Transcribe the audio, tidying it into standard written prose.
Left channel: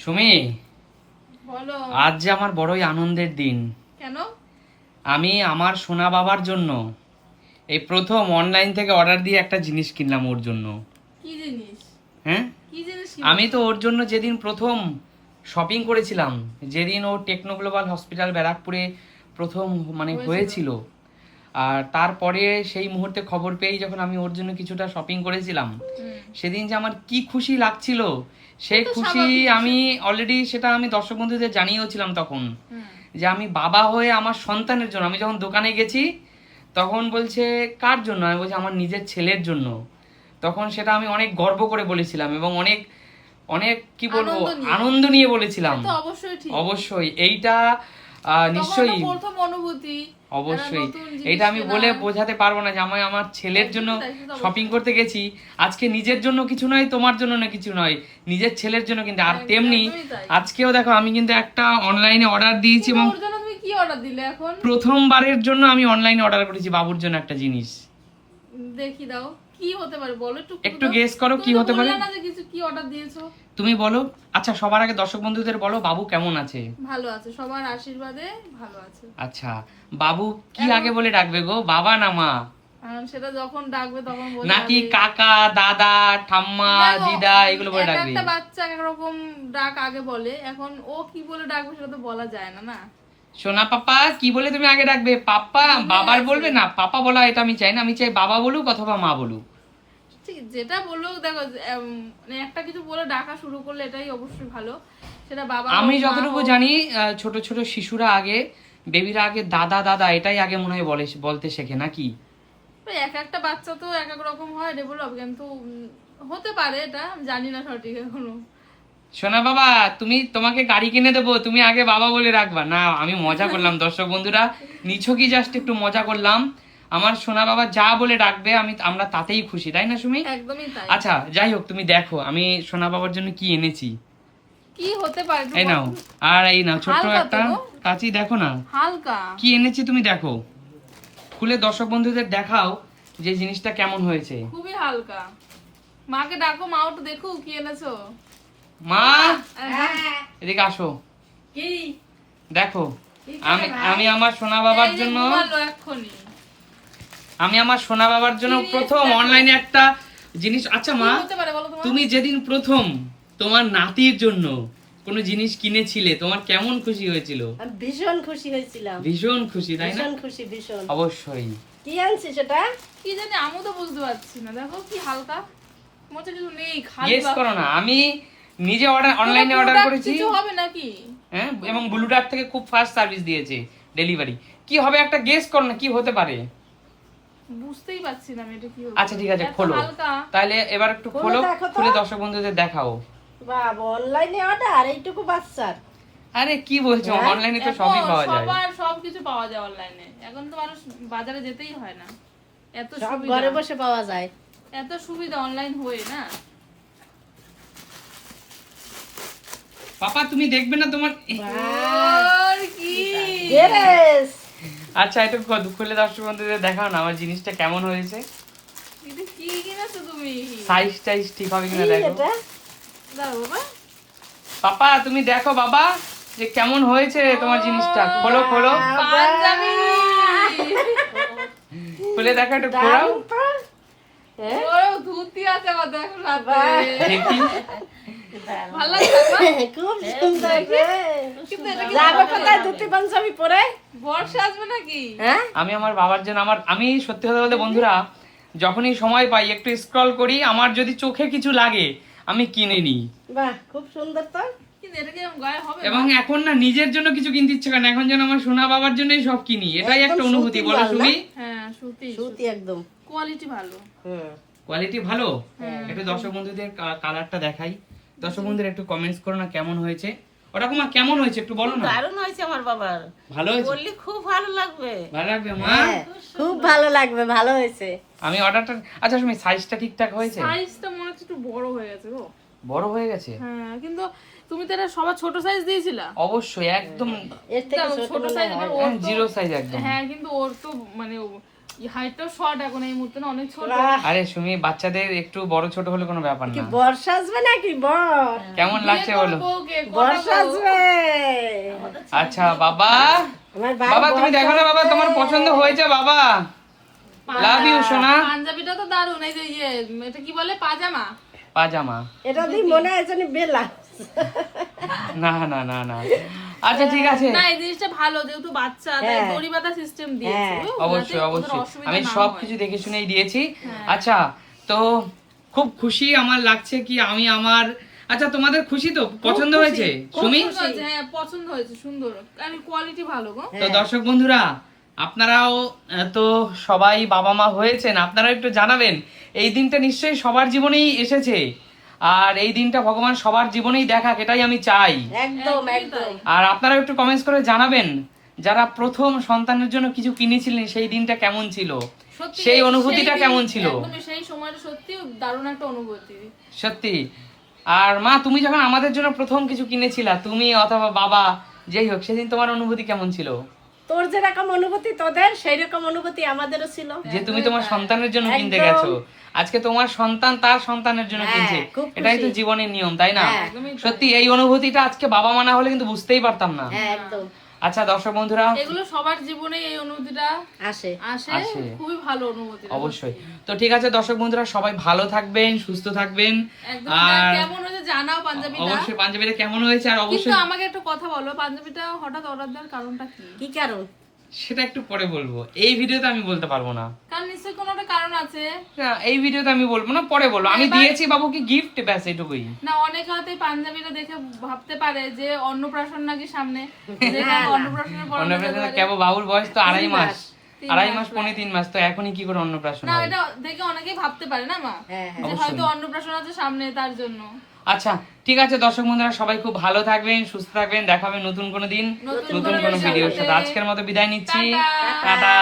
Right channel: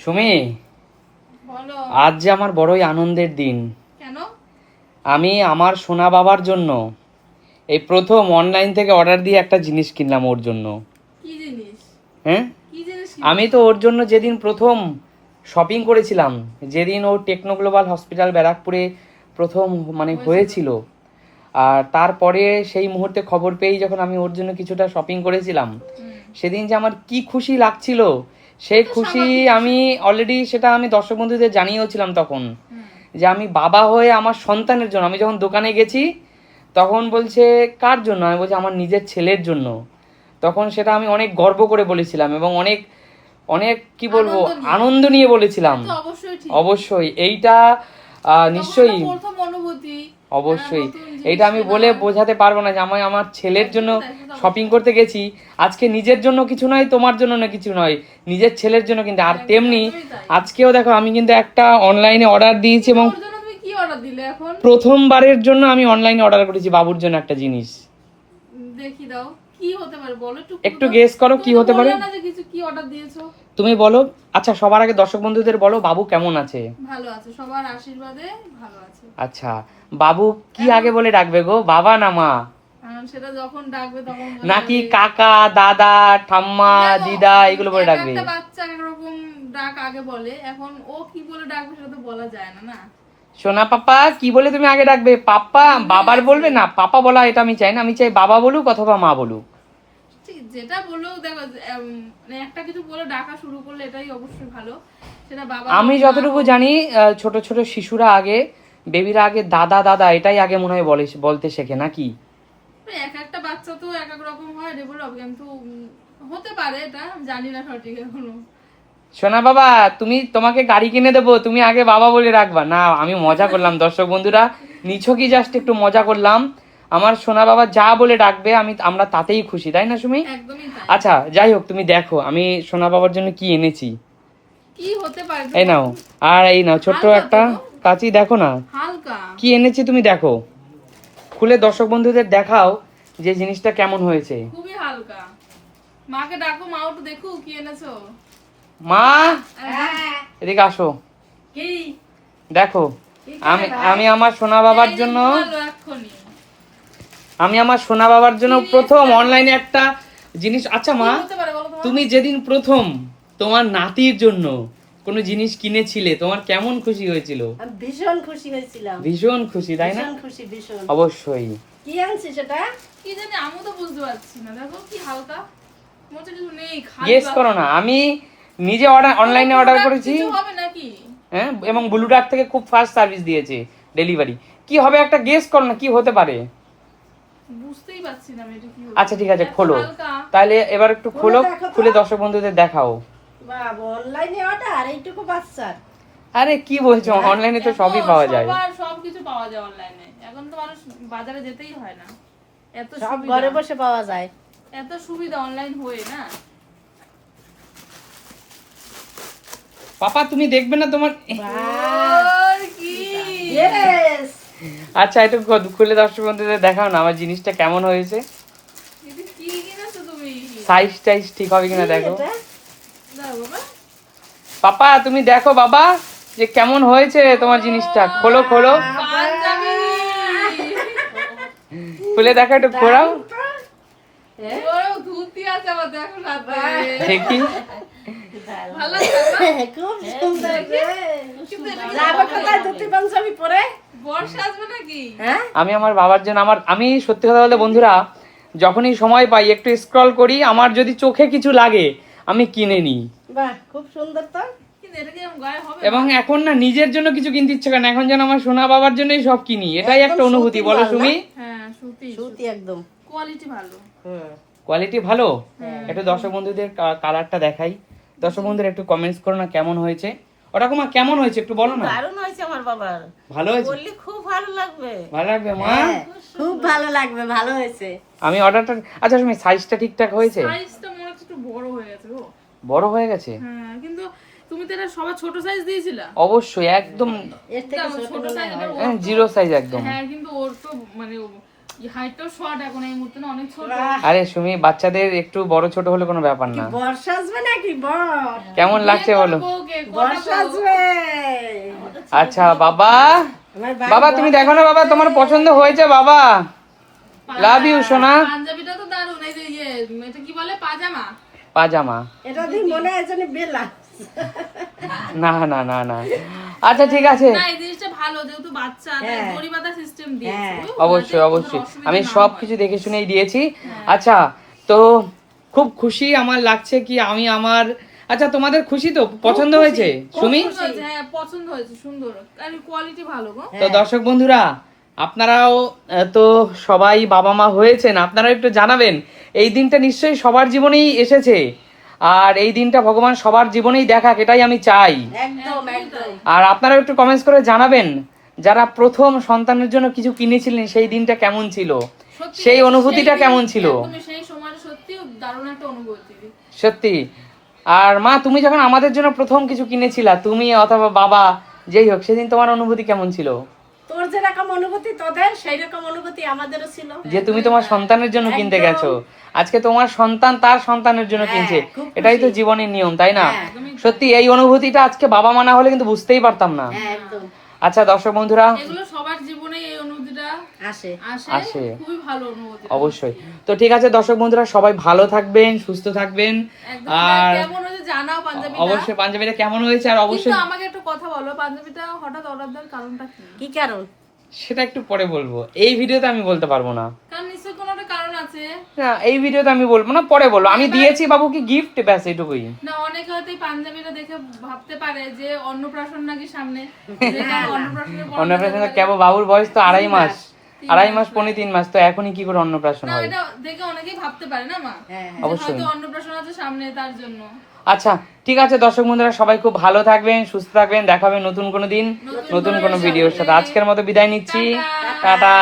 সুমি, বলো। আজ যে আমার বড়ই আনন্দের দিন। কেন? আমি আমার সোনা বাবার জন্য এই প্রথম অনলাইন থেকে অর্ডার দিয়ে একটা জিনিস কিনলাম ওর জন্য। কি জিনিস? হ্যাঁ, কি জিনিস আমি তো ওর জন্য যেদিন প্রথম শপিং করেছিলাম, যেদিন ও টেকনো গ্লোবাল হসপিটাল ব্যারাকপুরে প্রথম হয়েছিল, আর তারপরে সেই মুহূর্তে খবর পেয়ে যখন আমি ওর জন্য কিছুটা শপিং করেছিলাম, সেদিন যে আমার কি খুশি লাগছিল, সেই তো খুশি স্বাভাবিক। আমি অলরেডি সেটা আমি দর্শক বন্ধুদের জানিয়েওছিলাম তখন, যে আমি বাবা হয়ে আমার সন্তানের জন্য। আমি যখন দোকানে গেছি তখন বলছে কার জন্য, আমি বলছি আমার নিজের ছেলের জন্য। তখন সেটা আমি অনেক গর্ব করে বলেছিলাম এবং অনেক অনেক কি বলবো, আনন্দ নিয়ে বলেছিলাম। তো অবশ্যই ঠিক। অবশ্যই এইটা তখন নিশ্চয়ই একটা প্রথম অনুভূতি, অবশ্যই একটা নতুন জিনিস এইটা আমি কেনা। বলে বোঝাতে পারবো না যে আমি আমার ছেলের জন্য তাই, সেটা তো শপিং অবশ্যই। করতে গেছি। আজকে নিজের জন্য কিছু নয়, তোমার জন্য না কিছু নয়, নিজের ছেলের জন্য কিন্তু। আর তেমনি একদমই তাই। আজকেও দেখো আমি কিন্তু একটা অনলাইনে অর্ডার দিয়েছি কিন্তু এবং ওর জন্য তুমি কি অর্ডার দিলে এখন? প্রথমবারের জন্য আমি অনলাইনে অর্ডার করেছি বাবুর জন্য একটা জিনিস। দেখি দাও, কি হতে পারে বলো একটু। একটু গেস করো কি হতে পারে। বললে না যে কিছু কি অর্ডার দিয়েছো? তুমি বলো। আচ্ছা, সবার আগে দর্শক বন্ধুদের বলো বাবু কেমন আছে। ভালো আছে, সবার আশীর্বাদে ভালো আছে। আচ্ছা, বাবু কি আগে বলে ডাকবে গো, বাবা না মা? আর সেটা যখন ডাকবে তখন বলে নাকি যাবে। কাকা, দাদা, ঠাম্মা, দেখো, দিদা এগুলো বলে এক ডাকবে? একটা বাচ্চা এক এক রকম ডাক আগে বলে, এখন ও কি বলে ডাকবে সেটা তো বলা যায় না না। সোনা পাপা কি বলে তুমি আগে ডাকবে? পাপা বাবার বলবে না, পাপা বলা এটা আমি চাই না। আমি চাই বাবা বলুক অথবা মা বলুক। ঠিক, যেটা বললো দেখো, মানে একটা কিছু বলে ডাকা শুরু করলে এটাই অবশ্যই ভালো। সেটা বাবা আমি হোক, মা যতটুকু হোক। জানি ছোট ছোট শিশুরা আগে, বেবিরা আগে দাদা দাদা এটাই আগে মনে হয় বলতে শেখে নাকি? ওই এক একটা বাচ্চা তো এক এক রকম হয় ডেভেলপ, কিন্তু হতে পারে, এটা আমি জানি না সঠিক এখনো। সোনা বাবা, তোমাকে গাড়ি কিনে দেবো, তুমি আগে বাবা বলে রাখবা না। আমি মজা করলাম দর্শক বন্ধুরা, নিছকই জাস্ট একটু মজা করলাম। আমার সোনা বাবা যা বলে ডাকবে আমরা তাতেই খুশি, তাই না সুমি? একদমই তাই। আচ্ছা, যাই হোক, তুমি দেখো আমি সোনা বাবার জন্য কি এনেছি। কি হতে পারে এই নাও, আর এই নাও ছোট্ট হালকা একটা তো গো। কাঁচি, দেখো না হালকা। কি এনেছি, তুমি দেখো। খুলে দর্শক বন্ধুদের দেখাও যে জিনিসটা কেমন হয়েছে। খুবই হালকা। মাকে ডাকো, মাও তো দেখো কি এনেছো। মা, হ্যাঁ। এদিকে আসো। কি? দেখো, আমি আমার সোনা বাবার জন্য, এক্ষুনি আমি আমার সোনা বাবার জন্য Serious প্রথম দেখো। অনলাইনে একটা জিনিস। আচ্ছা মা, কি হতে পারে বলো তোমার? তুমি যেদিন প্রথম তোমার নাতির জন্য কোনো জিনিস কিনেছিলে, তোমার কেমন খুশি হয়েছিল? আমি ভীষণ খুশি হয়েছিলাম। ভীষণ খুশি, তাই না? ভীষণ খুশি, ভীষণ। অবশ্যই। কি আনছি সেটা? কি জানি, আমি তো বুঝতে পারছি না। দেখো কি হালকা, মনে হচ্ছে কিছু নেই, খালি গেস করো না। আমি নিজে অনলাইনে অর্ডার product করেছি, কিছু হবে নাকি? হ্যাঁ, এবং ব্লু ডার্ট থেকে খুব ফাস্ট সার্ভিস দিয়েছে ডেলিভারি। কি হবে একটা গেস করো না, কি হতে পারে? বুঝতেই পারছি না আমি এটা কি হবে। আচ্ছা ঠিক আছে, এত খোলো। হালকা। তাহলে এবার একটু খুলে খোলো, দেখো তো। খুলে দর্শক বন্ধুদের দেখাও। বাবা, অনলাইনে অর্ডার এইটুকু বাচ্চার? আরে কি বলছো, হ্যাঁ, অনলাইনে তো এখন সবই পাওয়া যায়। সবার সবকিছু পাওয়া যায় অনলাইনে। এখন তো মানুষ বাজারে যেতেই হয় না, এত সব সুবিধা। ঘরে বসে পাওয়া যায়। এত সুবিধা অনলাইন হয়ে না। পাপা তুমি দেখবে না তোমার? ওর কি? Yes! আচ্ছা, একটু খুলে দর্শক বন্ধুদের দেখাও না আমার জিনিসটা কেমন হয়েছে। এটা কি কিনেছো তুমি? সাইজ টাইজ ঠিক হবে কিনা কি দেখো। এটা? দাঁড়াও বাবা। পাপা তুমি দেখো বাবা যে কেমন হয়েছে তোমার জিনিসটা। খোলো খোলো, পাঞ্জাবি। খুলে দেখো, একটু খোলাও দারুণ তো। হ্যাঁ? ও ধুতি আছে আবার, দেখো না বাহ। দেখি। ভালো লাগছে না? খুব সুন্দর রে। কিন্তু এটা কি যাবে কোথায় ধুতি পাঞ্জাবি পরে? বর্ষা আসবে নাকি? হ্যাঁ? আমি আমার বাবার জন্য আমি সত্যি কথা বলতে বন্ধুরা, যখনই সময় পাই একটু স্ক্রল করি, আমার যদি চোখে কিছু লাগে আমি কিনে নিই। বাহ, খুব সুন্দর তো। কিন্তু এটা কি আমার গায়ে হবে? এবং এখন না নিজের জন্য কিছু কিনতে ইচ্ছে করে না, এখন যেন আমার সোনা বাবার জন্যই সব কিনি। এটাই একটা একদম অনুভূতি, সুতির বলো মাল না? তুমি? হ্যাঁ, সুতি। সুতি একদম। কোয়ালিটি ভালো। হুম। কোয়ালিটি ভালো। একটু দর্শক বন্ধুদের কালারটা দেখাই। দর্শক বন্ধুরা একটু কমেন্টস করো না কেমন হয়েছে। ওরকম কেমন হয়েছে একটু বলো না। দারুণ হয়েছে আমার বাবার। ভালো হয়েছে? বললি খুব ভালো লাগবে। ভালো লাগবে মা? হ্যাঁ, খুব ভালো লাগবে, ভালো হয়েছে। আমি অর্ডারটা, আচ্ছা তুমি সাইজটা ঠিকঠাক হয়েছে? সাইজটা মনে হচ্ছে একটু বড় হয়ে গেছে গো। বড় হয়ে গেছে? হ্যাঁ, কিন্তু তুমি তো এটা সবার ছোট সাইজ দিয়েছিলা। অবশ্যই একদম এর থেকে ছোট ছোট সাইজ মনে হয়। ওর তো- জিরো সাইজ একদম। হ্যাঁ, কিন্তু ওর তো মানে হাইটটাও শর্ট এখন এই মুহূর্তে না, অনেক ছোট। আরে সুমি, বাচ্চাদের একটু বড় ছোট হলে কোনো ব্যাপার কি না। বর্ষা আসবে নাকি বড়? কেমন লাগছে বলো? বর্ষা আসবে। আচ্ছা বাবা, আমার ভাই বাবা তুমি দেখো না বাবা, তোমার পছন্দ হয়েছে বাবা? লাভ ইউ সোনা। পাঞ্জাবিটা তো দারুণ, এই যে এটা কি বলে, পাজামা। পাজামা? এটা দিয়ে মনে হয় যেন বেলা। না না না না, আচ্ছা ঠিক আছে। না, এই জিনিসটা ভালো, যেহেতু বাচ্চা তাই দড়ি বাঁধা সিস্টেম দিয়েছে। অবশ্যই অবশ্যই, আমি সবকিছু দেখে শুনেই দিয়েছি। আচ্ছা, তো খুব খুশি আমার লাগছে কি আমি আমার, আচ্ছা তোমাদের খুশি তো? পছন্দ হয়েছে সুমি? হ্যাঁ পছন্দ হয়েছে, সুন্দর, আর কোয়ালিটি ভালো গো। তো দর্শক বন্ধুরা, আপনারাও তো সবাই বাবা মা হয়েছেন, আপনারা একটু জানাবেন। এই দিনটা নিশ্চয়ই সবার জীবনেই এসেছে, আর এই দিনটা ভগবান সবার জীবনেই দেখাক, এটাই আমি চাই। একদম একদম। আর আপনারা একটু কমেন্টস করে জানাবেন, যারা প্রথম সন্তানের জন্য কিছু কিনেছিলেন সেই দিনটা কেমন ছিল, সত্যি সেই অনুভূতিটা কেমন ছিল। একদমই সেই সময়টা সত্যি দারুণ একটা অনুভূতি। সত্যি। আর মা, তুমি যখন আমাদের জন্য প্রথম কিছু কিনেছিলা, তুমি অথবা বাবা যেই হোক, সেদিন তোমার অনুভূতি কেমন ছিল? তোর যেরকম অনুভূতি তোদের, সেই রকম অনুভূতি আমাদেরও ছিল। যে তুমি তোমার সন্তানের জন্য কিনতে একদম। গেছো, আজকে তোমার সন্তান তার সন্তানের জন্য কিনছে, খুব খুশি। এটাই তো জীবনের নিয়ম, তাই না? হ্যাঁ, সত্যি এই অনুভূতিটা আজকে বাবা মা না হলে কিন্তু বুঝতেই পারতাম না। হ্যাঁ একদম। আচ্ছা দর্শক বন্ধুরা, এগুলো সবার জীবনে এই অনুভূতিটা আসে। আসে, খুবই ভালো অনুভূতি। অবশ্যই। তো ঠিক আছে দর্শক বন্ধুরা, সবাই ভালো থাকবেন, সুস্থ থাকবেন। একদম। আর কেমন হয়েছে জানাও পাঞ্জাবিটা। অবশ্যই পাঞ্জাবিটা কেমন হয়েছে, আর অবশ্যই কিন্তু আমাকে একটা কথা বলো, পাঞ্জাবিটা হঠাৎ অর্ডার দেওয়ার কারণটা কি? কি কারণ? সেটা একটু পরে বলবো, এই ভিডিওতে আমি বলতে পারবো না। কারণ নিশ্চয়ই কোনো একটা কারণ আছে। না, এই ভিডিওতে আমি বলবো না, পরে বলবো। আমি দিয়েছি বাবুকে গিফট, ব্যাস এটুকুই। না, অনেকে হয়তো এই পাঞ্জাবিটা দেখে ভাবতে পারে যে অন্নপ্রাশন নাকি সামনে, যেটা অন্নপ্রাশনের পর অন্নপ্রাশন কেবল, বাবুর বয়স তো 2.5 মাস, 2.5 মাস পৌনে 3 মাস, তো এখনই কি করে অন্নপ্রাশন না, হবে? এটা দেখে অনেকেই ভাবতে পারে না মা, হ্যাঁ যে হয়তো অন্নপ্রাশন আছে সামনে, তার জন্য। আচ্ছা ঠিক আছে দর্শক বন্ধুরা, সবাই খুব ভালো থাকবেন, সুস্থ থাকবেন, দেখা হবে নতুন কোনো দিন নতুন কোনো ভিডিওর সাথে। আজকের মতো বিদায় নিচ্ছি, টাটা।